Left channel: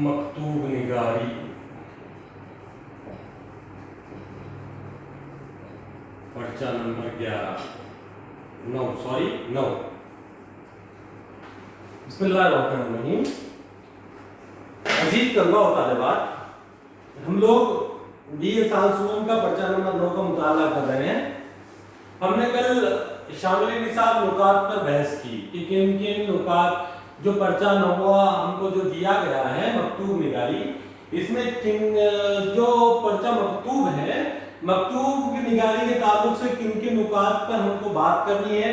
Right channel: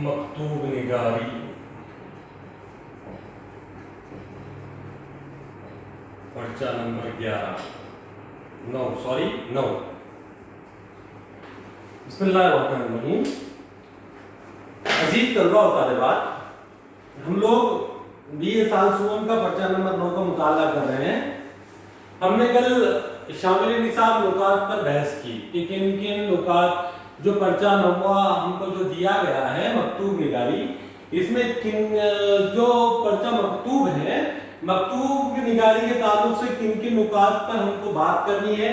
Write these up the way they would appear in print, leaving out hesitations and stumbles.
मकतूब निगारी। पर्चा नंबर 9। बिस्मिल्लाहिर्रहमानिर्रहीम। अजीज तलबा और तालिबात, हम लोग बीए साल सुवम का पर्चा नंबर 9 का मुताला कर रहे हैं। हमने कल शामिल निसाब नुकात पर बहस की कि किन किन नुकात जो पर्चा नौवा हमको जो दिया गया है मकतूब निगारी, इसमें किन जो पर्चा मकतूब है, मकतूब निगारी के ताल्लुक से किन किन नुकात पर हमको बात करनी है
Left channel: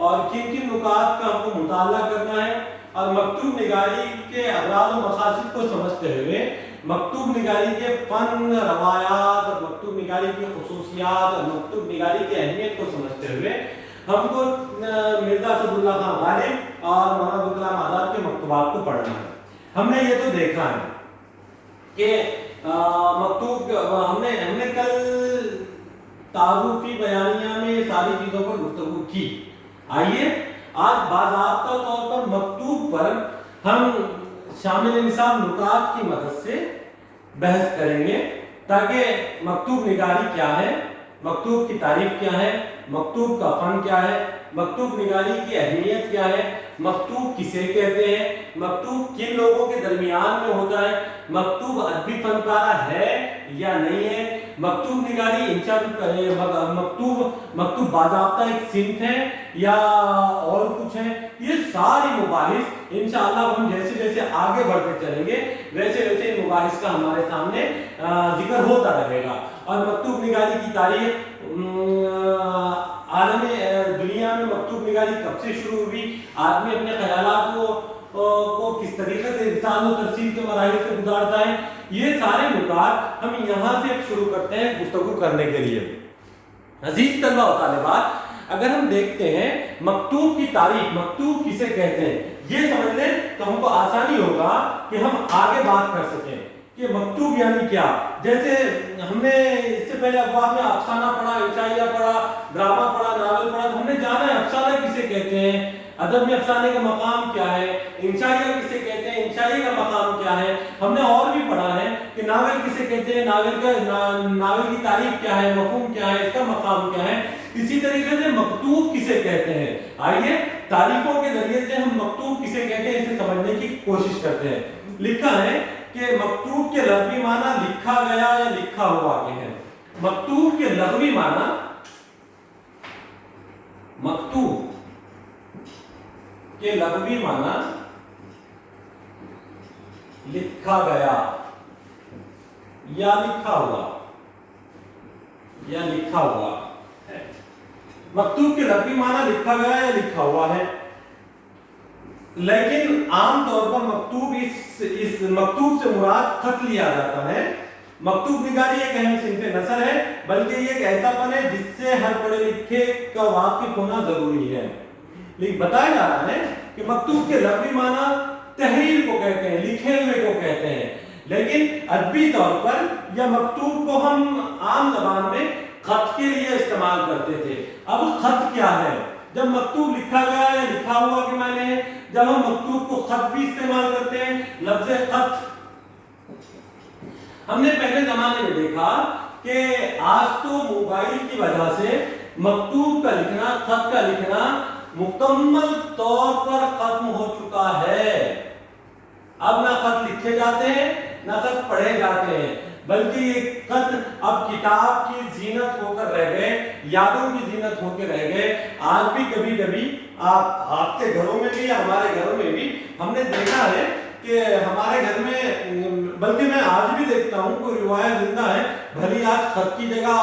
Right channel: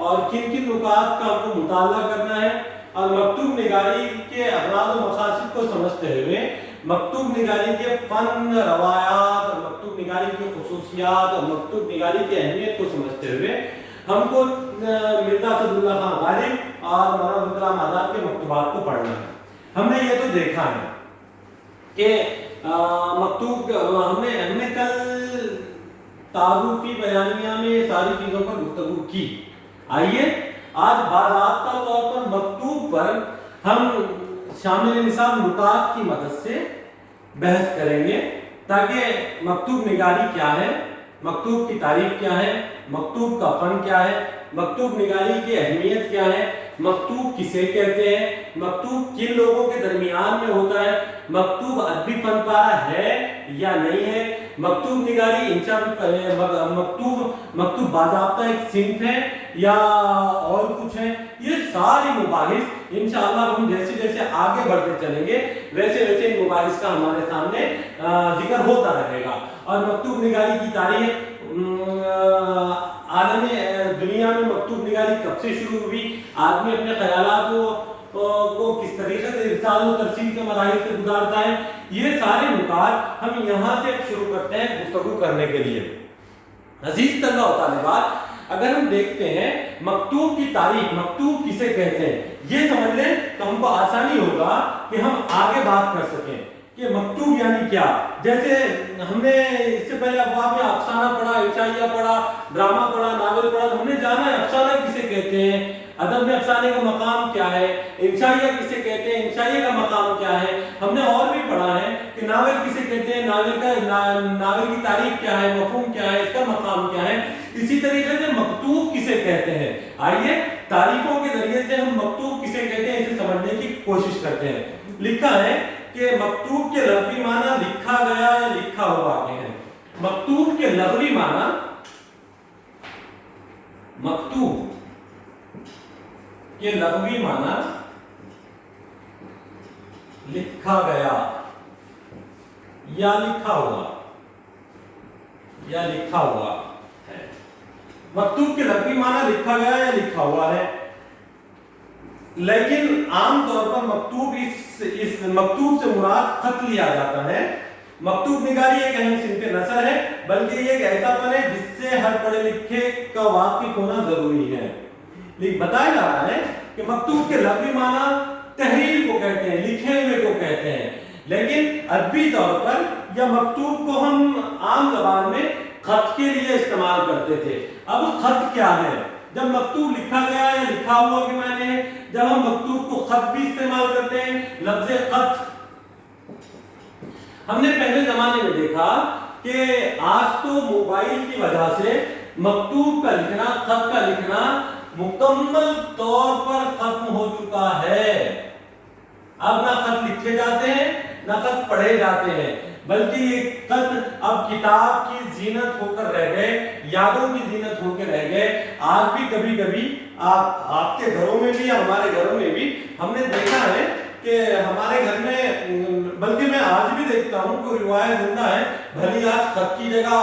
और किन किन नुकात का हमको मुताला करना है, और मकतूब निगारी के अगराद और मकासद को समझते हुए मकतूब निगारी के फन, रवायात और मकतूब निगारी की खुसूसियात और मकतूब निगारी की अहमियत को समझते हुए हमको मिर्जा असदुल्लाह खान गालिब और मौलाना अब्दुल कलाम आजाद के मकतूबात को पढ़ना है। हमने ये तो देखा है कि मकतूब हमने कल तारुफी बयानिया में सारी चीजों पर गुफ्तगू की। आइए आज बाज़ाब्ता तौर पर मकतूब पर हम शामिल निसाब नुकात की मदद से बहस करेंगे ताकि मकतूब निगारी क्या है, मकतूब की तारीफ क्या है, मकतूब का फन क्या है, मकतूब निगारी की अहमियत क्या है, मकतूब किसे कहते हैं, मकतूब किन लोगों के दरमियान में होता है, मकतूब अदबी फन पारा है या नहीं है, मकतूब निगारी मकतूब बाज़ाब्ता एक सिंफ है या और कुछ है। ये सारी मुबाहिस इंशाअल्लाह हम जैसे जैसे आगे बढ़ते चलेंगे वैसे वैसे इन मुबाहिस का हमारे सामने जिक्र होता रहेगा। और मकतूब निगारी की तारीख आलमी दुनिया में मकतूब निगारी कब से शुरू हुई, आदमी अपने ख्यालात को किस तरीके से इरसाल और तरसील के मराहिल से गुजारता है, ये सारे नुकात हम यहाँ से शुरू करते हैं गुफ्तगू करने के लिए। अजीज तलबा और तालिबात, अगर हम देखते हैं मकतूब की तारीफ, मकतूब किसे कहते हैं ये समझ लें तो हमको आसानी होगा कि हम आगे बात कर सकें कि मकतूब यानी क्या। जैसे हमने इससे पहले अखबार में अफसाना पढ़ा, इंशाइया पढ़ा, ड्रामा पढ़ा, नावल पढ़ा, तो हमने जाना है अफसाना किसे कहते हैं, अदब में अफसाने का मकाम क्या है, इंशाइया किसे कहते हैं, इंशाइया का मकाम क्या है। हमने और भी पढ़ा है कि नावल किसे कहते हैं, नावल की तारीफ क्या है, मफहूम क्या है, इसका मकाम क्या है। इसी तरीके से मकतूब किसे कहते हैं, आइए तारीफों के जरिए से हम मकतूब किसे कहते हैं इसे समझने की कोशिश करते हैं। लिखा है कि मकतूब के लफ्ज़ी माना लिखा गया या लिखा हुआ के हैं। मकतूब के लफ्ज़ी माना, मकतूब के लफ्ज़ी माना लिखा गया या लिखा हुआ या लिखा हुआ है। मकतूब के लफ्ज़ी माना लिखा गया या लिखा हुआ है, लेकिन आम तौर पर मकतूब इस मकतूब से मुराद खत लिया जाता है। मकतूब निगारी एक अहम सिंफ़े नसर है, बल्कि ये एक ऐसा फन है जिससे हर पढ़े लिखे का वाकिफ होना जरूरी है। लेकिन बताया जा रहा है कि मकतूब के लफ्ज़ी माना तहरीर को कहते हैं, लिखे हुए को कहते हैं, लेकिन अदबी तौर पर या मकतूब को हम आम ज़बान में खत के लिए इस्तेमाल करते थे। अब खत क्या है, जब मकतूब लिखा गया या लिखा हुआ के माने हैं, जब हम मकतूब को खत भी इस्तेमाल करते हैं। लफ्ज़ खत हमने पहले जमाने में देखा कि आज तो मोबाइल की वजह से मकतूब का लिखना, खत का लिखना मुकम्मल तौर पर खत्म हो चुका है। अब ना खत लिखे जाते हैं ना खत पढ़े जाते हैं, बल्कि खत अब किताब की जीनत होकर रह गए, यादों की जीनत होकर रह गए। आज भी कभी कभी आपके घरों में भी या हमारे घरों में भी हमने देखा है कि हमारे घर में, बल्कि मैं आज भी देखता हूँ, कोई रिवायत जिंदा है, भली आज खत की जगह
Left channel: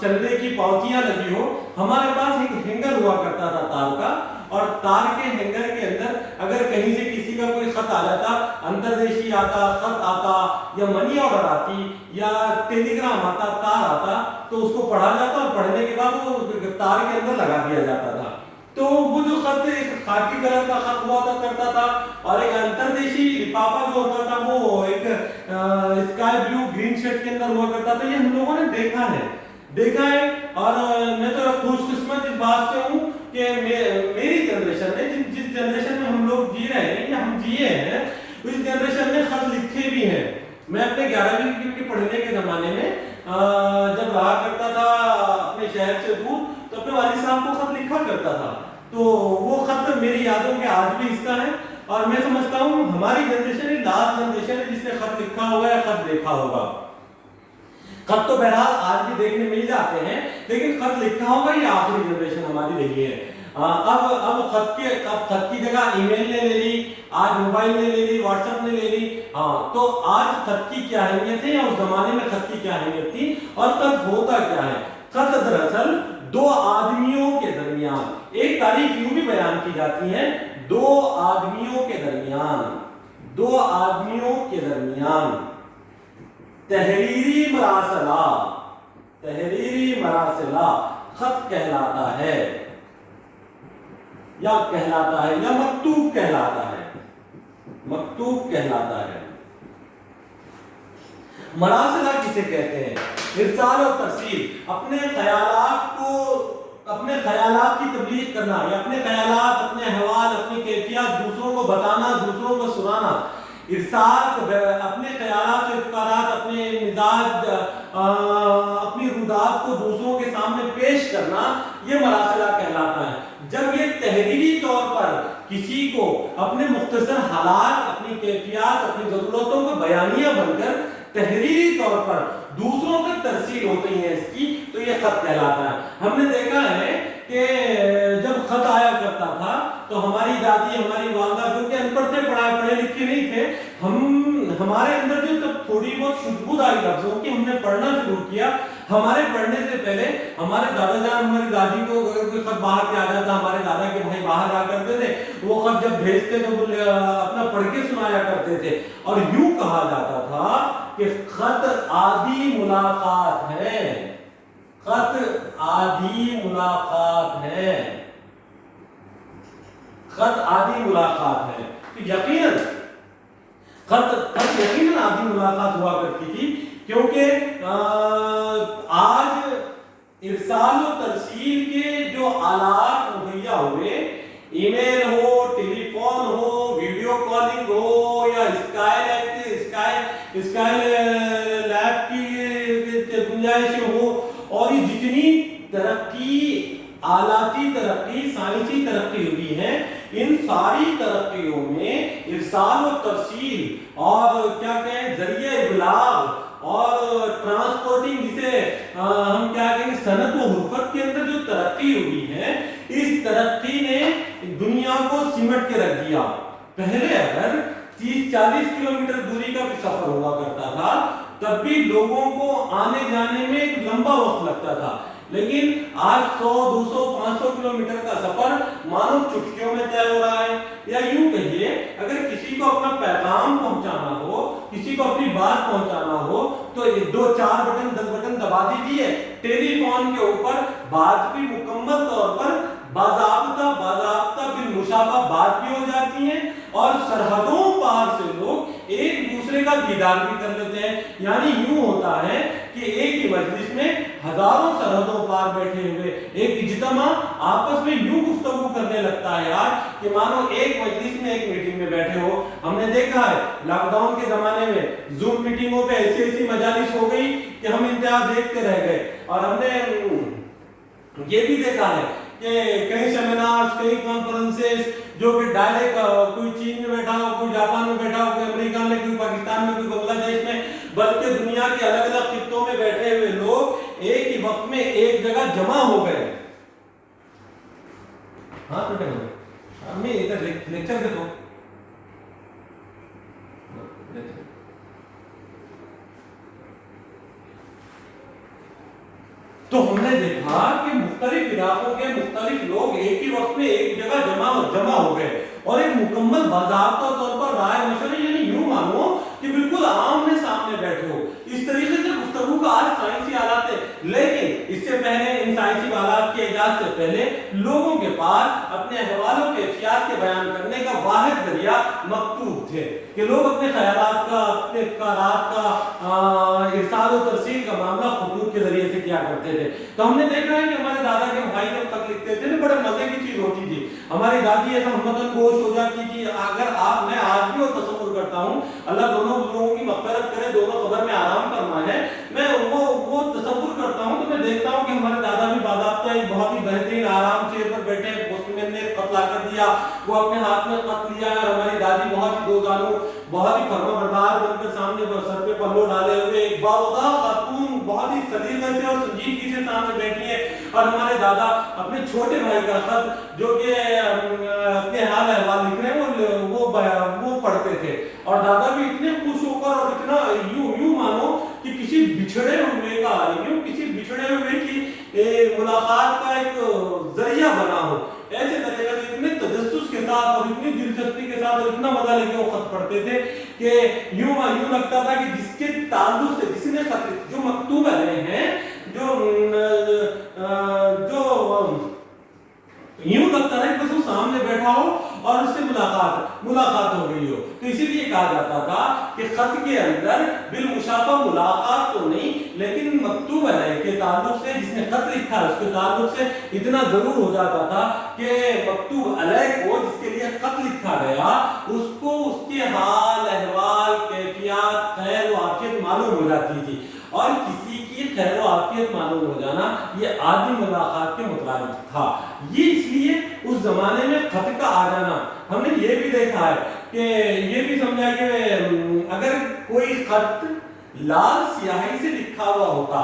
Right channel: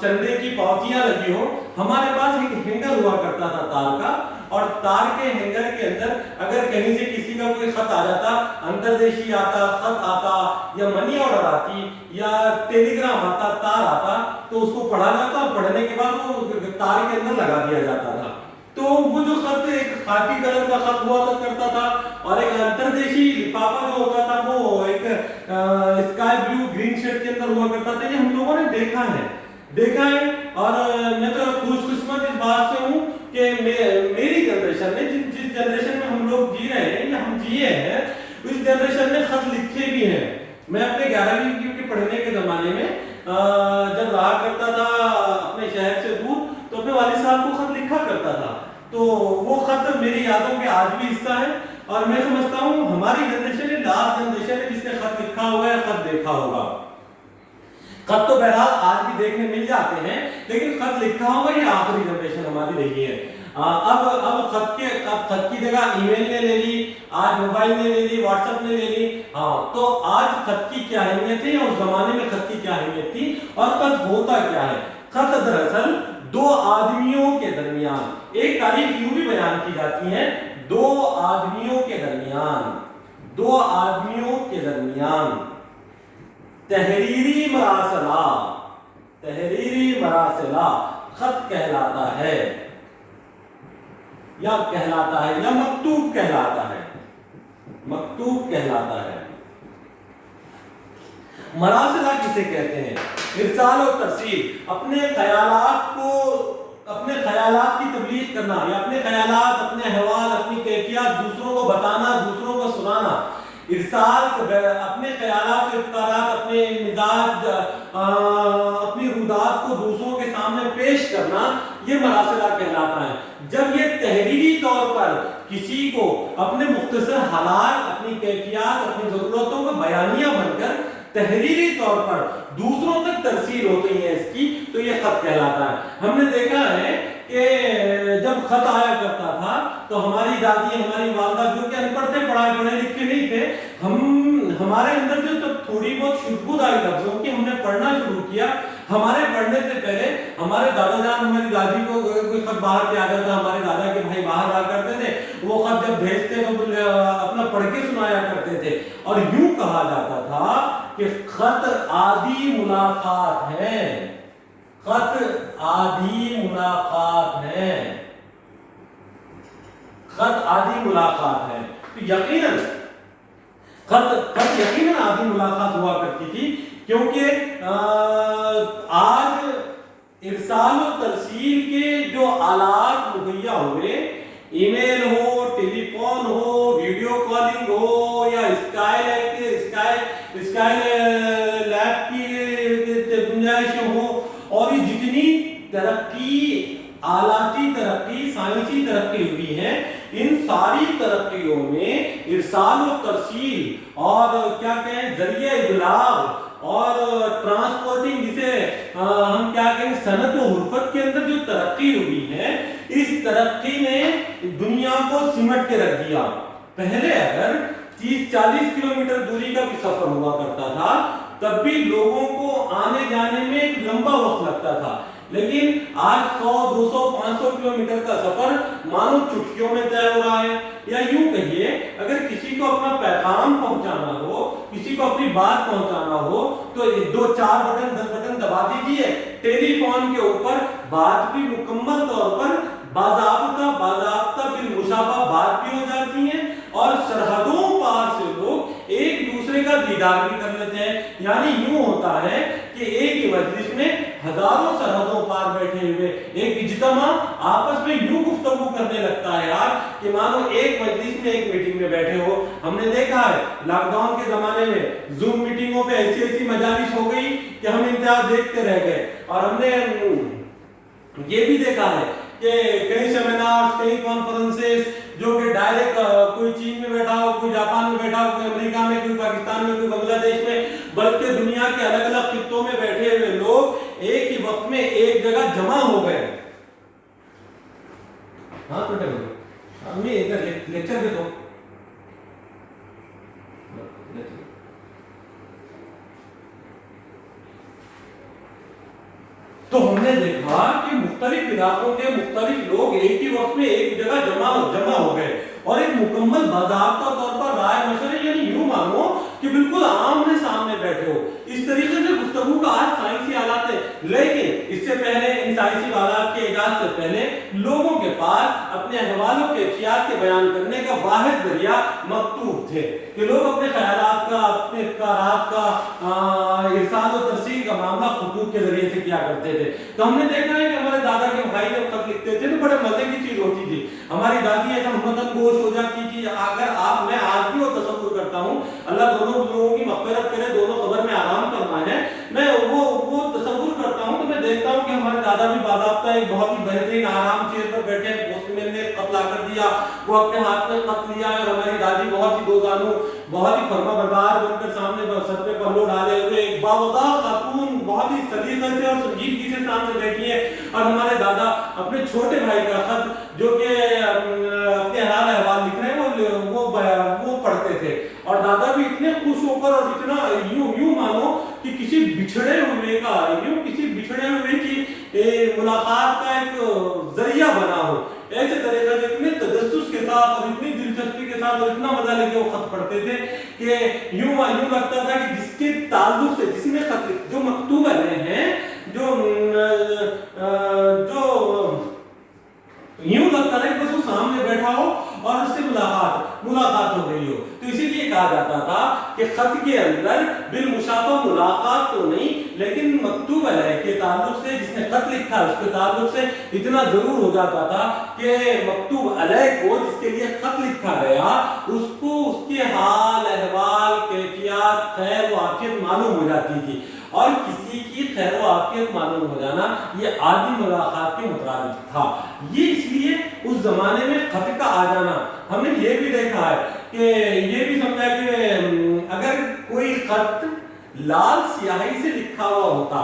चंदे की पावतियां लगी हो। हमारे पास एक हैंगर हुआ करता था तार का, और तार के हैंगर के अंदर अगर कहीं से किसी का कोई खत आ जाता, अंतरदेशी आता, खत आता या मनी ऑर्डर आती या टेलीग्राम आता, तार आता, तो उसको पढ़ा जाता और पढ़ने के बाद वो तार के अंदर लगा दिया जाता था। तो वो जो खत एक खाकी कलर का खत हुआ करता था, और एक अंतरदेशी लिफाफा जो होता था वो एक स्काई ब्लू ग्रीन शेड के अंदर हुआ करता था। ये हम लोगों ने देखा है। और मैं तो खुशकिस्मत इस बात से हूँ कि मेरी जनरेशन ने, जिस जनरेशन में हम लोग जी रहे हैं या हम जिए हैं, इस जनरेशन में खत लिखे भी हैं। मैं अपने 11वीं के पढ़ने के ज़माने में जब रहा करता था अपने शहर से दूर, तो अपने वालिद साहब को खत लिखा करता था। तो वो खत मेरी यादों के आज भी हिस्सा है, और मैं समझता हूँ हमारी जनरेशन लास्ट जनरेशन है जिसने खत लिखा होगा या खत देखा होगा। खत तो बहरहाल आज भी देखने मिल जाते हैं, लेकिन खत लिखा होगा ये आखिरी जनरेशन हमारी रही है। अब खत की जगह ईमेल ने ले ली, आज मोबाइल ने ले ली, व्हाट्सएप ने ले ली। हाँ, तो आज खत की क्या अहमियत है या उस जमाने में खत की क्या अहमियत थी, और खत होता क्या है? खत दरअसल दो आदमियों के दरमियान, एक तारीख यूं भी बयान की जाती है, दो आदमियों के दरमियान तहरीरी मरासला खत कहलाता है, या मकतूब कहलाता है। मरासला किसे कहते हैं? इरसाल और तरसील, अपने ख्यालात की तबलीग करना, या अपने ख्यालात, अपने अहवाल, अपनी कैफियत दूसरों को बताना, दूसरों को सुनाना। इरसाल, अपने ख्यालात, इफ्तारात, अपने मिजाज, अपनी रुदात को दूसरों के सामने पेश करना, ये मरासला कहलाता है। जब ये तहरीरी तौर पर किसी को अपने मुख्तसर हालात, अपनी कैफियत, अपनी जरूरतों को बयानिया बनकर तहरीरी तौर पर दूसरों तक तरसील होती है इसकी, तो ये खत कहलाता है। हमने देखा है कि जब खत आया करता था तो हमारी दादी, हमारी वालदा, जो कि अनपढ़ थे, पढ़े लिखे नहीं थे, हमारे अंदर जो तब थोड़ी बहुत शुद्धबुद्ध आई लफ्जों की, हमने पढ़ना शुरू किया। हमारे पढ़ने से पहले हमारे दादा जान, हमारी दादी को अगर कोई खत बाहर से आ जाता, हमारे दादा के भाई बाहर जा करते थे, वो खत जब भेजते तो अपना पढ़ के सुनाया करते थे, और यूं कहा जाता था कि खत आदि मुलाकात है, खत आदि मुलाकात है, खत आदि मुलाकात है। तो यकीनन खत यकीनन आदि मुलाकात हुआ करती थी, क्योंकि आज इरसाल और तरसील के जो आलात मुहैया हुए, ईमेल हो, टेलीफोन हो, वीडियो कॉलिंग हो, या स्काईलैब की गुंजाइश हो, और ये जितनी तरक्की, आलाती तरक्की, साइंसी तरक्की हुई है, इन सारी तरक्कियों में इरसाल और तरसील और क्या कहें जरिए इबलाग और ट्रांसपोर्टिंग, जिसे हम क्या कहें सनत व हुर्फत के अंदर जो तरक्की हुई है, इस तरक्की ने दुनिया को सिमट के रख दिया। पहले अगर 30-40 किलोमीटर दूरी का भी सफर हुआ करता था, तब भी लोगों को आने जाने में एक लंबा वक्त लगता था, लेकिन आज 100, 200, 500 किलोमीटर का सफर मानो चुटकियों में तय हो रहा है। या यूं कहिए, अगर किसी को अपना पैगाम पहुंचाना हो, किसी को अपनी बात पहुंचाना हो, तो 2-4 बटन 10 बटन दबा दीजिए, टेलीफोन के ऊपर बात भी मुकम्मल तौर पर बाज़ाब्ता बिल मुशाबा बात भी हो जाती है, और सरहदों पार से लोग एक दूसरे का दीदार भी कर लेते हैं। यानी यूं होता है कि एक ही मजलिस में हजारों सरहदों पार बैठे हुए एक इज्तिमा आपस में यूं गुफ्तगू करने लगता है यार, कि मानो एक मजलिस में, एक मीटिंग में बैठे हो। हमने देखा है लॉकडाउन के जमाने में जूम मीटिंगों पे ऐसी मजालिस हो गई कि हम इंतजार देखते रह गए, और हमने ये भी देखा है कि कई सेमिनार, कई कॉन्फ्रेंसेस जो कि डायरेक्ट कोई चीन में बैठा हो, कोई जापान में बैठा हो, कोई अमेरिका में, कोई पाकिस्तान में, कोई बांग्लादेश में, बल्कि दुनिया के अलग अलग खित्तों में बैठे हुए लोग एक ही वक्त में एक जगह जमा हो गए। हाँ बेटा, अम्मी इधर लेक्चर देखो। तो हमने देखा कि मुख्तलिफ इलाकों के मुख्तलिफ लोग एक ही वक्त में एक जगह जमा हो गए, और एक मुकम्मल बाज़ाब्ता तौर पर राय मशवरे, यानी यूं मानो कि बिल्कुल आमने सामने बैठे हो। इस तरीके से गुफ्तगू का आज साइंसी आलात है, लेकिन इससे पहले, इन साइंसी आलात के इजाद से पहले, लोगों के पास अपने अहवालों के ख्याल के बयान करने का वाहिद जरिया मकतूब थे, कि लोग अपने ख्यालात का, अपने अफकारात का इरसाल और तरसील का मामला खतूत के जरिए से किया करते थे। तो हमने देखा है कि हमारे दादा के भाई जब खत लिखते थे तो बड़े मजे की चीज होती थी। हमारी दादी ऐसा हमतन गोश हो जाती थी, अगर मैं आज भी वो तसव्वुर करता हूँ। अल्लाह दोनों लोगों की मग़फ़िरत करे, दोनों कब्र में आराम करना है। मैं वो तसव्वुर करता हूँ तो मैं देखता हूँ कि हमारे दादा भी बाज़ाब्ता एक बहुत ही बेहतरीन आराम चेयर पर बैठे हैं, पोस्टमैन ने खत ला कर दिया, वो अपने हाथ में खत लिया, और हमारी दादी बहुत ही दोजानू, बहुत ही फर्माबरदार बनकर सामने सर पे पल्लो डाले हुए एक बावदा खातून बहुत ही सलीक़े से और संजीदगी से सामने बैठी है, और हमारे दादा अपने छोटे भाई का खत जो कि अपने हाल अहवाल लिख रहे हैं वो पढ़ते थे। और दादा भी इतने खुश होकर और इतना यूं मानो कि किसी बिछड़े हुए की मुलाकात का एक जरिया बना हो, ऐसे तरीके से इतने तजस्सुस के साथ और इतनी दिलचस्पी के साथ और इतना मजा लेके वो खत पढ़ते थे कि यूं लगता था कि जिसके ताल्लुक से जिसने खत जो मकतूब हैं जो यूं लगता है कि बस वो सामने बैठा हो और उससे मुलाकात हो गई हो। तो इसीलिए कहा जाता था कि खत के अंदर बिलमुशाफा मुलाकात तो नहीं, लेकिन मकतूब अलैह के ताल्लुक से, जिसने खत लिखा है उसके ताल्लुक से इतना जरूर हो जाता था कि मकतूब अलैह को, जिसके लिए खत लिखा गया, उसको उसके हाल अहवाल कैफियत खैर व आफियत मालूम हो जाती थी। और किसी की खैर व आफियत मालूम हो जाना ये आदि मुलाकात के मुताबिक था। ये इसलिए उस जमाने में खत का आ जाना, हमने ये भी देखा है कि ये भी समझा कि अगर कोई खत लाल स्याही से लिखा हुआ होता,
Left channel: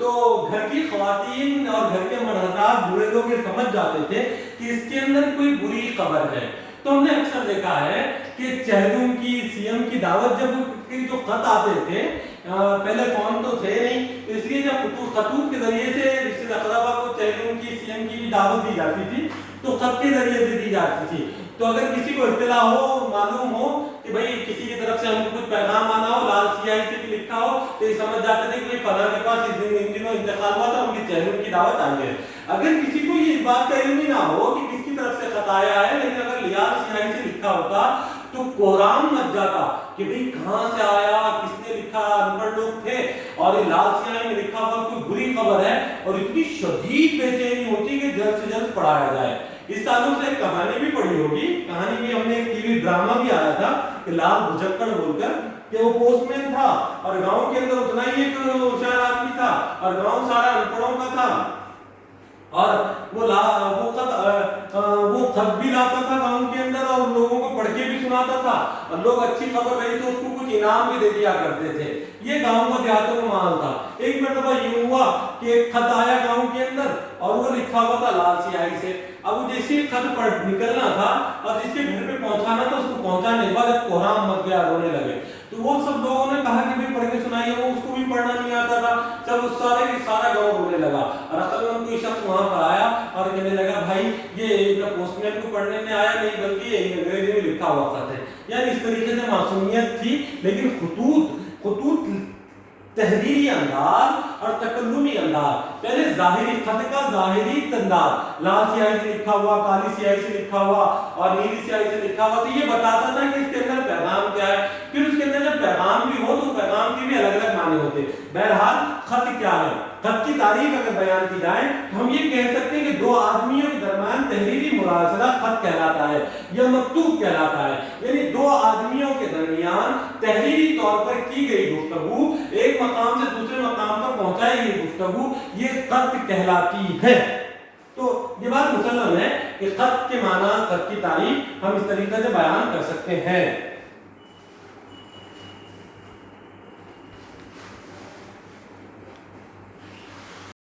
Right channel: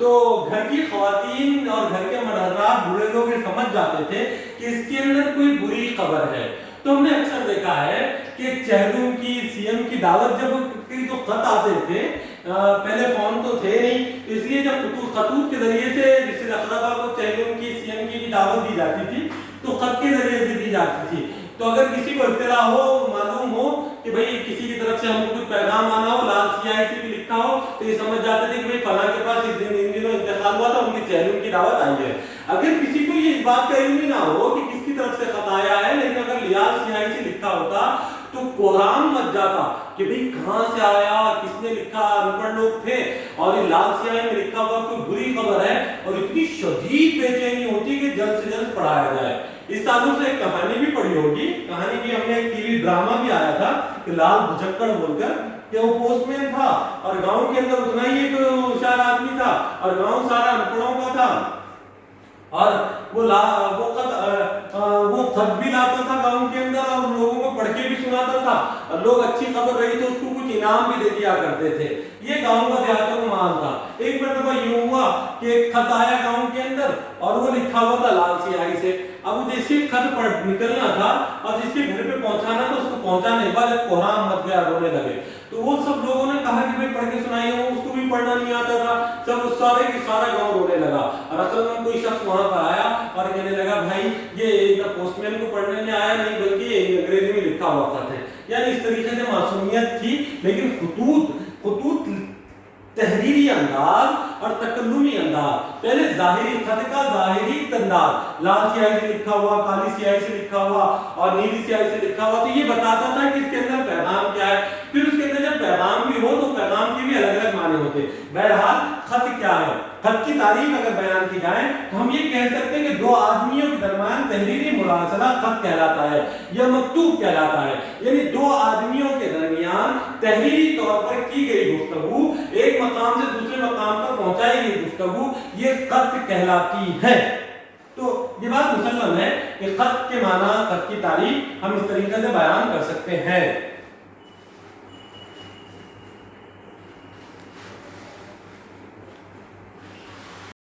तो घर की ख़वातीन और घर के मर्दात बुरे लोग ये समझ जाते थे कि इसके अंदर कोई बुरी खबर है। तो हमने अक्सर देखा है कि चेहलुम की सीएम की दावत जब तो खत आते थे, पहले फोन तो थे नहीं, इसलिए जब खतूत के जरिए से रिश्ते अक़रबा को चेहलुम की सीएम की दावत दी जाती थी तो खत के जरिए से दी जाती थी। तो अगर किसी को इत्तला हो, मालूम हो कि भाई किसी की तरफ से हमको कुछ पैगाम आना हो, लाल स्याही से लिखा हो, तो ये समझ जाते थे कि भाई फलां के पास इन दिनों इंतकाल हुआ था, उनकी चेहलुम की दावत आई है। अगर किसी को ये बात का इल्म ही ना हो कि किसकी तरफ से खत आया है, लेकिन अगर लाल स्याही से लिखा होता तो कोहराम मच जाता कि भाई कहाँ से आया, किसने लिखा, अनपढ़ लोग थे, और ये लाल स्याही में लिखा हुआ कोई बुरी खबर है, और इतनी शदीद बेचैनी होती कि जल्द से जल्द पढ़ाया जाए। इस ताल्लुक से एक कहानी भी पढ़ी होगी, कहानी भी हमने एक टीवी ड्रामा भी आया था कि लाल भुजक्कड़ बोलकर, कि वो पोस्टमैन था और गांव के अंदर उतना ही एक होशियार आदमी था और गांव सारा अनपढ़ों का था, और वो खत भी लाता था गांव के अंदर और लोगों को पढ़ के भी सुनाता था, और लोग अच्छी खबर रही तो उसको कुछ इनाम भी दे दिया करते थे। ये गांव का देहातों का माहौल था। एक मरतबा यूं हुआ कि एक खत आया गांव के अंदर और वो लिखा हुआ था लाल स्याही से। अब जैसे खत पढ़ निकलना था और जिसके घर पे पहुंचाना था उसको पहुंचाने के बाद कोहराम मच गया, रोने लगे। तो वो सब लोगों ने कहा कि भाई पढ़ के सुनाइए, वो उसको भी पढ़ना नहीं आता था, सब सारा गांव रोने लगा। और असल कोई शख्स वहां पर आया और कहने लगा भाई ये पोस्टमैन को पढ़ने में आया नहीं बल्कि अंग्रेजी में लिखा हुआ खत है। यानी इस तरीके से मासूमियत थी, लेकिन खुतूत तहरीरी अंदाज और तकल्लुमी अंदाज, पहले जाहिरी खत का जाहिरी अंदाज, लाल स्याही से लिखा हुआ, काली स्याही से लिखा हुआ और नीली स्याही से लिखा हुआ, तो ये बताता था कि इसके अंदर पैगाम क्या है। फिर उसके अंदर जब पैगाम भी हो तो पैगाम के भी अलग अलग माने होते। बहरहाल खत क्या है, खत की तारीफ अगर बयान की जाए तो हम ये कह सकते हैं कि दो आदमियों के दरमियान तहरीरी मुरासला खत कहलाता है या मकतूब कहलाता है। यानी दो आदमियों के दरमियान तहरीरी तौर पर की गई गुफ्तगू, एक मकाम से दूसरे मकाम पर पहुंचाई गई गुफ्तगू, ये खत कहलाती है। तो ये बात मुसल्लम है कि खत के माना, खत की तारीफ हम इस तरीके से बयान कर सकते हैं।